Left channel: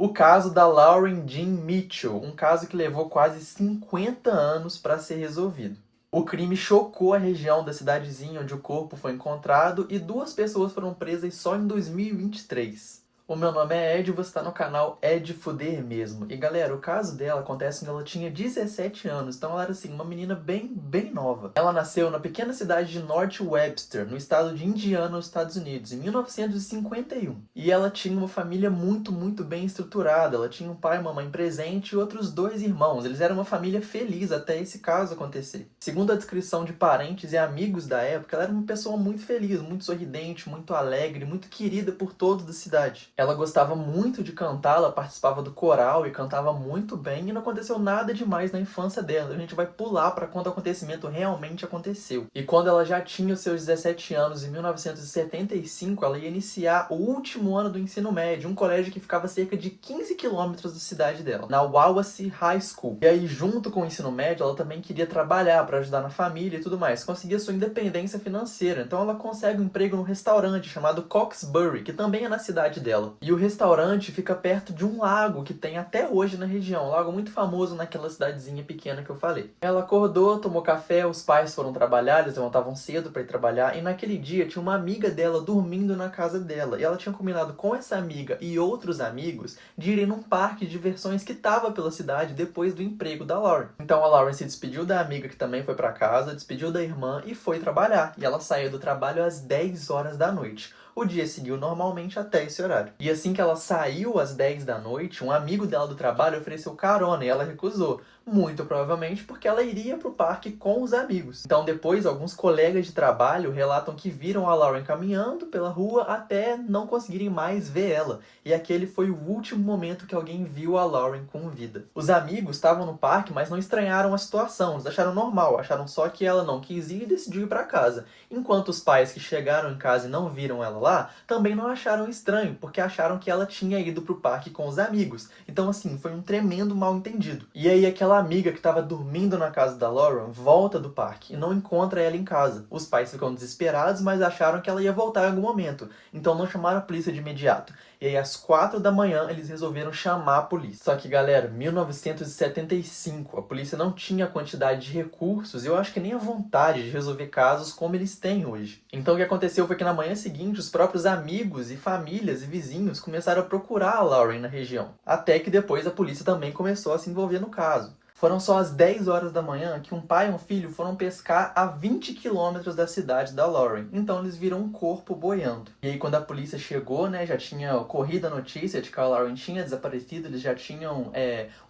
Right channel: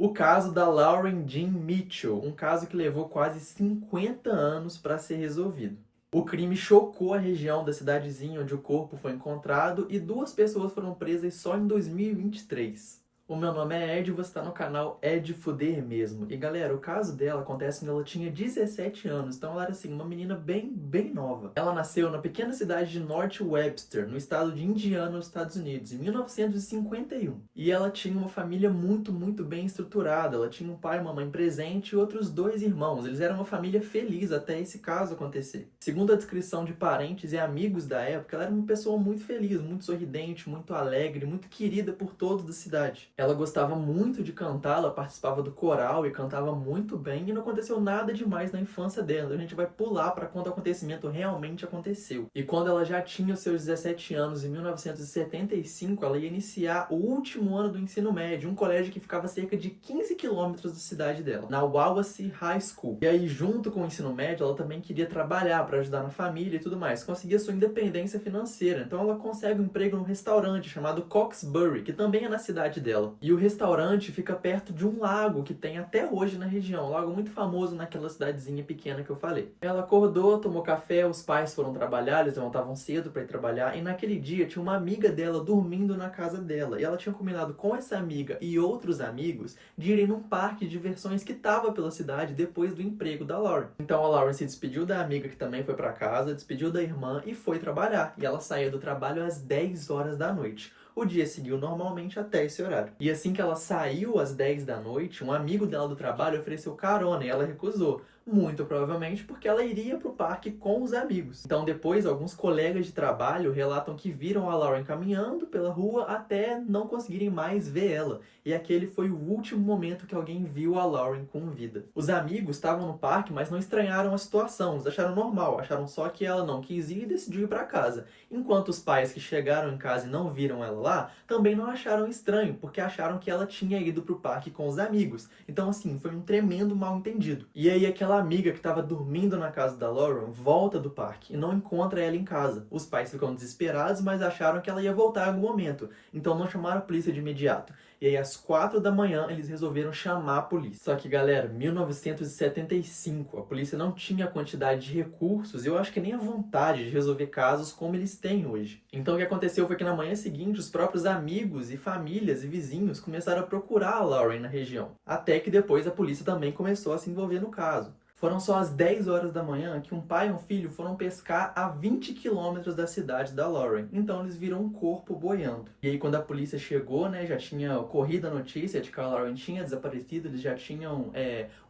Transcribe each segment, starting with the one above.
O caso da Lauren Jean Mitchell, um caso que levou quase 50 anos para ser resolvido. O crime chocou a região da cidadezinha onde o corpo foi encontrado e 2 pessoas foram presas só em 2023. O meu nome é Ed e você está no canal Ed Fuder Mesmo. E galera, o caso dela acontece quando ela tinha 17 anos, então ela era assim, uma menina bem nova. Ela nasceu na pequena cidade de North Webster, no estado de Indiana, nos Estados Unidos, em 1951. E ela tinha uma família muito bem estruturada. Ela tinha um pai e uma mãe presente e outros 2 irmãos. Eles eram uma família feliz até esse caso acontecer. Segundo a descrição de parentes e amigos da época, ela era uma pessoa muito feliz, muito sorridente, muito alegre, muito querida por todos da cidade. Ela gostava muito de cantar, ela participava do coral e cantava muito bem, e não aconteceu nada demais na infância dela. A gente vai pular para quando o acontecimento realmente aconteceu. E quando ela já tinha os seus 17 anos, em 1975, ela ia iniciar o último ano do ensino médio, um colégio que ficava a cerca de 15 quilômetros da cidade dela, na Wawasee High School. E aí, junto com o ensino médio, ela também queria trabalhar para ajudar na família e tudo mais, conseguia sua independência financeira. Então ela consegue um emprego num restaurante chamado Coxbury, que também é na cidade dela. E o restaurante fica perto de um lago que tem até hoje na região, um lago muito famoso naquela cidadezinha pequena que eu falei. Ela acordou, tomou café, os pais foram trabalhar, eles levantavam cedo para ir trabalhar, e naquele dia tinha uma amiga dela dormindo na casa dela. E ela tinha combinado com essa amiga e outros amigos de irem num parque de diversões que estava pela cidade depois do emprego da Lauren. Então a Lauren se despediu da amiga que também foi para casa, despediu da irmã e foi trabalhar. E ela saiu do trabalho às 10 horas da noite. O dia seguiu normalmente até esse horário. E assim que ela saiu às 10 da noite, um amigo dela do trabalho ofereceu carona e ela recusou. Muito provavelmente porque ela iria para o parque com os amigos. Então depois, alguns colegas de trabalho relatam que viram a Lauren caminhando pela rua até não conseguirem mais ver ela. E aquele foi o último momento que alguém viu a Lauren com vida. Os amigos estavam no parque, mas não estranharam a situação. Eles acharam normal, acharam só que ela não quis ir e decidiu ir para casa. Enquanto os pais que chegaram em casa e não viram ela lá, também não acharam estranho, porque acharam que ela tinha ido pro parque com os amigos. Então assim, foi um tremendo mal-entendido. E aí aquela amiga que estava dormindo na casa da Lauren volta do parque e não encontra ela em casa. Os pais ficam desesperados, mas acharam que ela ia voltar em algum momento, então não chamaram a polícia de imediato. E aí às 4 da manhã eles resolveram chamar a polícia. Só que galera, 1975, a polícia não tinha a quantidade de recursos e eu acho que nem a vontade de resolver casos como eles têm hoje. Então o que aconteceu foi que na manhã seguinte os próprios amigos e famílias e vizinhos começaram a procurar a Lauren na região. Até que depois a polícia também começou a se envolver no caso. Foram só às 10 horas da manhã que um pai e um filho foram pescar a 20 quilômetros da cidade da Lauren. Então eles viram um corpo boiando. E aí quando a polícia chegou, né, já tinha corrido a notícia de que a Lauren tinha desaparecido, eles já tinham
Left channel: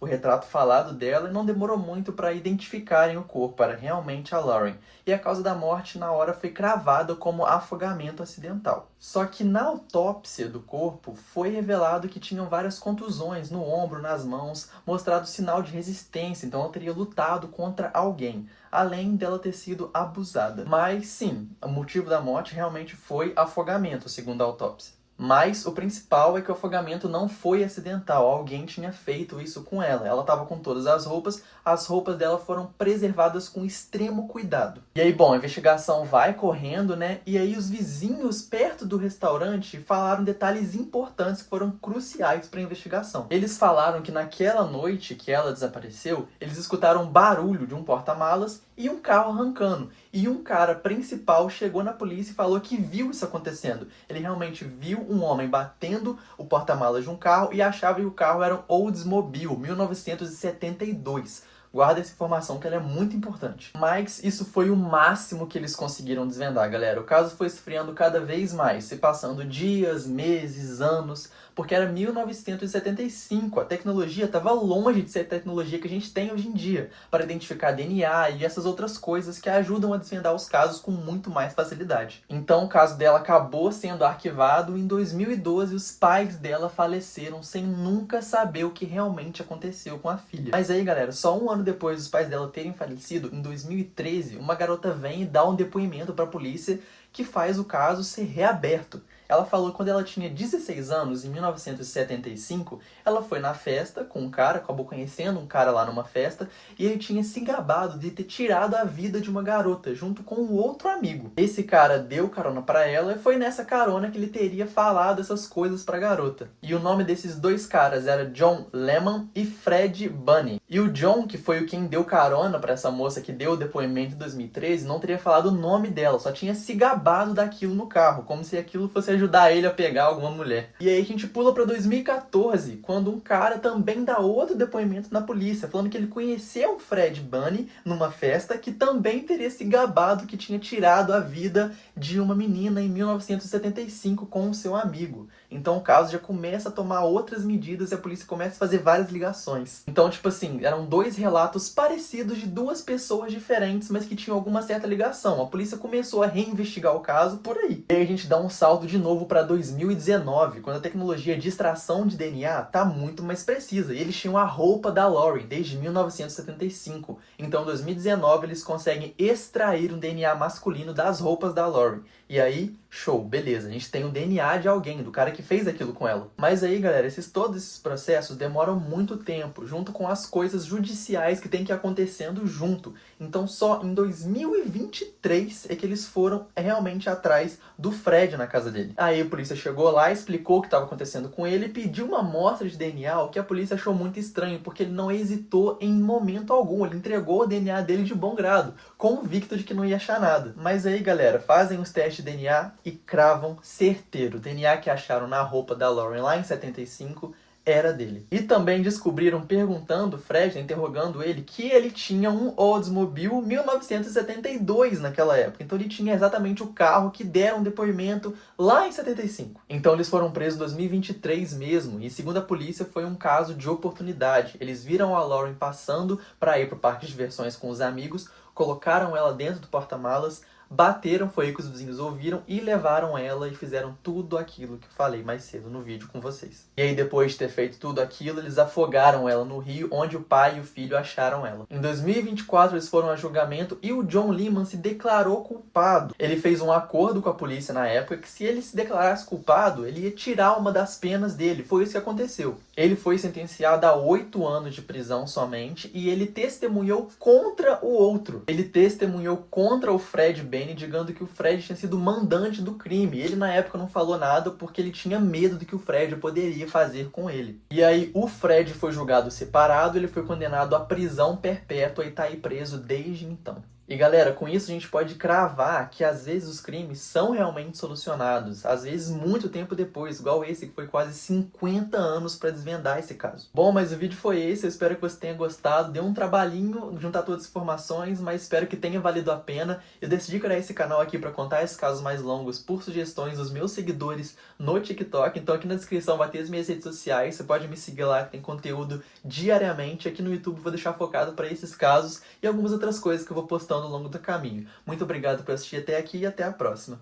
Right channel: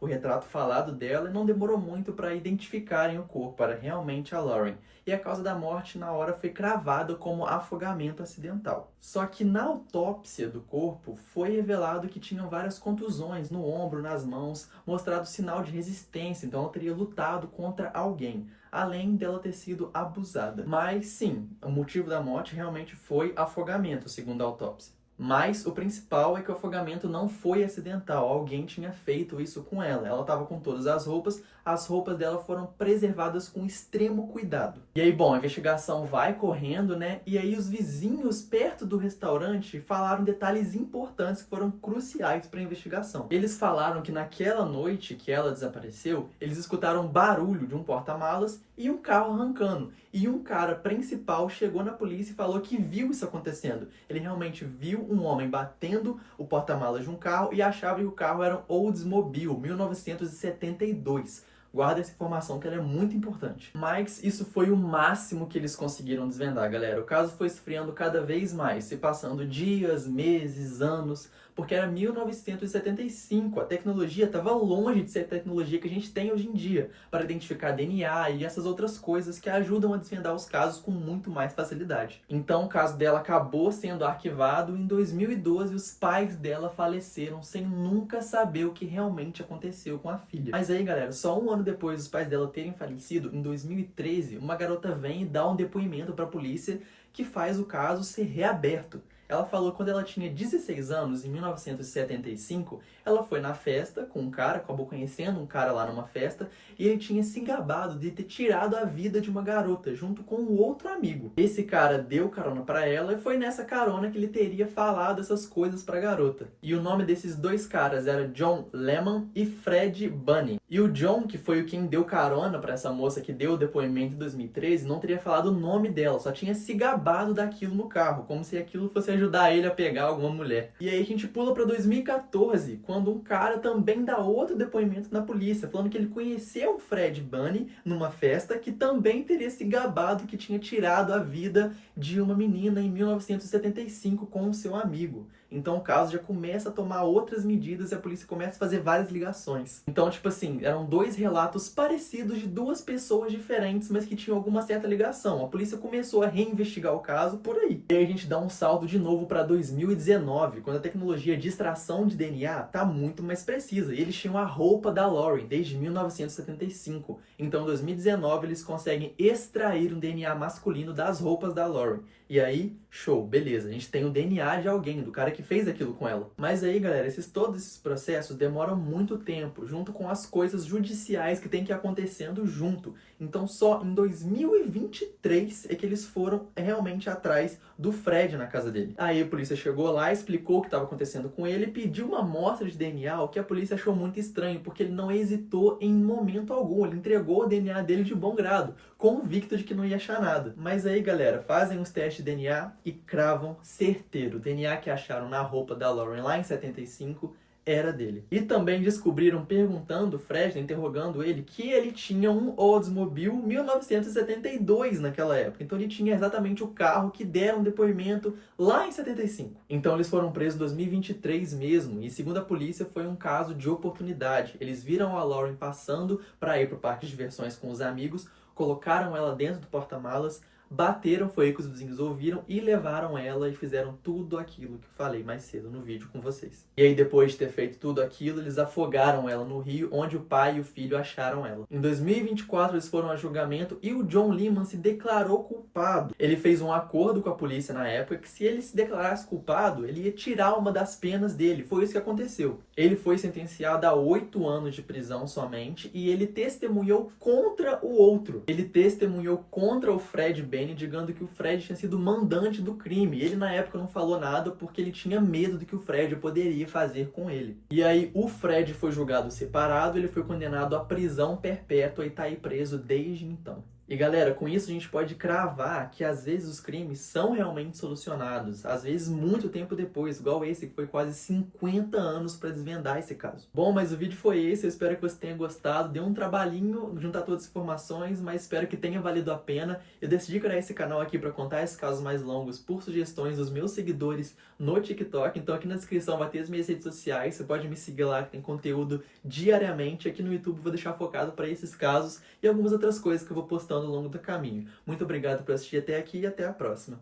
o retrato falado dela e não demorou muito para identificarem o corpo, era realmente a Lauren. E a causa da morte na hora foi cravada como afogamento acidental. Só que na autópsia do corpo foi revelado que tinham várias contusões no ombro, nas mãos, mostrado sinal de resistência. Então ela teria lutado contra alguém, além dela ter sido abusada. Mas sim, o motivo da morte realmente foi afogamento, segundo a autópsia. Mas o principal é que o afogamento não foi acidental, alguém tinha feito isso com ela. Ela estava com todas as roupas dela foram preservadas com extremo cuidado. E aí, bom, a investigação vai correndo, né? E aí os vizinhos perto do restaurante falaram detalhes importantes que foram cruciais para a investigação. Eles falaram que naquela noite que ela desapareceu, eles escutaram barulho de um porta-malas e um carro arrancando. E um cara principal chegou na polícia e falou que viu isso acontecendo. Ele realmente viu um homem batendo o porta-malas de um carro e achava que o carro era um Oldsmobile 1972. Guarda essa informação que ela é muito importante. Mas isso foi o máximo que eles conseguiram desvendar, galera. O caso foi esfriando cada vez mais, se passando dias, meses, anos, porque era 1975. A tecnologia estava longe de ser a tecnologia que a gente tem hoje em dia para identificar DNA e essas outras coisas que ajudam a desvendar os casos com muito mais facilidade. Então o caso dela acabou sendo arquivado e em 2012 os pais dela faleceram sem nunca saber o que realmente aconteceu com a filha. Mas aí, galera, só um ano depois dos pais dela terem falecido, em 2013, uma garota vem e dá um depoimento para a polícia que faz o caso ser reaberto. Ela falou que quando ela tinha 16 anos, em 1975, ela foi na festa com um cara, acabou conhecendo um cara lá numa festa, e ele tinha se gabado de ter tirado a vida de uma garota, junto com um outro amigo. Esse cara deu carona pra ela e foi nessa carona que ele teria falado essas coisas pra garota. E o nome desses dois caras era John Lehman e Fred Bunny. E o John, que foi quem deu carona pra essa moça que deu o depoimento em 2013, não teria falado o nome dela, só tinha se gabado daquilo no carro, como se aquilo fosse ajudar ele a pegar alguma mulher. E aí a gente pula pra 2014, quando um cara também dá outro depoimento na polícia, falando que ele conheceu o Fred Bunny numa festa, que também teria se gabado que tinha tirado a vida de uma menina em 1975 com o seu amigo. Então o caso já começa a tomar outras medidas e a polícia começa a fazer várias ligações. Então, tipo assim, eram dois relatos parecidos de duas pessoas diferentes, mas que tinham alguma certa ligação. A polícia começou a reinvestigar o caso por aí. E aí a gente dá um salto de novo para 2019, quando a tecnologia de extração de DNA tá muito mais precisa. E eles tinham a roupa da Lauren desde 1975. Então, em 2019, eles conseguem extrair um DNA masculino das roupas da Lauren. E aí, show, beleza, a gente tem o DNA de alguém, do cara que fez aquilo com ela. Mas aí, galera, todos esses processos demoram muito tempo, junto com as coisas judiciais que tem que ir acontecendo junto. Então só em 2023 é que eles foram realmente atrás do Fred na casa dele. Aí a polícia chegou lá, explicou o que estava acontecendo com ele e pediu uma amostra de DNA, o que a polícia achou muito estranho, porque ele não hesitou em momento algum, ele entregou o DNA dele de bom grado, convicto de que não ia achar nada. Mas aí, galera, fazem os testes de DNA e cravam certeiro. O DNA que acharam na roupa da Lauren lá em 75 era dele. E também descobriram, perguntando o Fred, interrogando ele, que ele tinha um Oldsmobile 1972 naquela época. Então ele tinha exatamente o carro que deram depoimento lá em 75. Então eles foram presos em 2023 mesmo, e segundo a polícia foi um caso de oportunidade. Eles viram a Lauren passando para ir para o parque de diversões com os amigos, colocaram ela dentro do porta-malas, bateram, foi aí que os vizinhos ouviram e levaram ela e fizeram tudo aquilo que eu falei mais cedo no vídeo com vocês. E aí, depois de ter feito tudo aquilo, eles afogaram ela no rio, onde o pai e o filho acharam ela. Em 2024, eles foram a julgamento e o John Lehman se declarou culpado. Ele fez um acordo com a polícia na época que se ele se declarasse culpado, ele ia tirar uma das penas dele. Foi isso que aconteceu. Ele foi sentenciado a 8 anos de prisão somente e ele testemunhou contra o outro. Ele testemunhou contra o Fred Bunny, digando que o Fred tinha sido mandante do crime. Ele, na época, não falou nada porque ele tinha medo do que o Fred poderia fazer com ele. E aí, o Fred foi julgado separado, ele foi condenado à prisão perpétua e tá aí preso desde então. E galera, com isso a gente pode cravar que às vezes os crimes são realmente solucionados, às vezes muito tempo depois, igual esse que foi quase 50 anos para desvendar esse caso. Bom, mas o vídeo foi esse, eu espero que você tenha gostado, deu um trabalhinho juntar todas as informações, mas espero que tenha valido a pena. Eu decidi criar esse canal aqui para contar esses casos mais longos por sugestões dos meus seguidores no TikTok, então aqui na descrição vai ter as minhas redes sociais, você pode me seguir lá que tem conteúdo diariamente. Aqui no YouTube vou deixar focado para esses casos e algumas outras coisas que eu vou postando ao longo do caminho. Muito obrigado por assistir até aqui e até a próxima.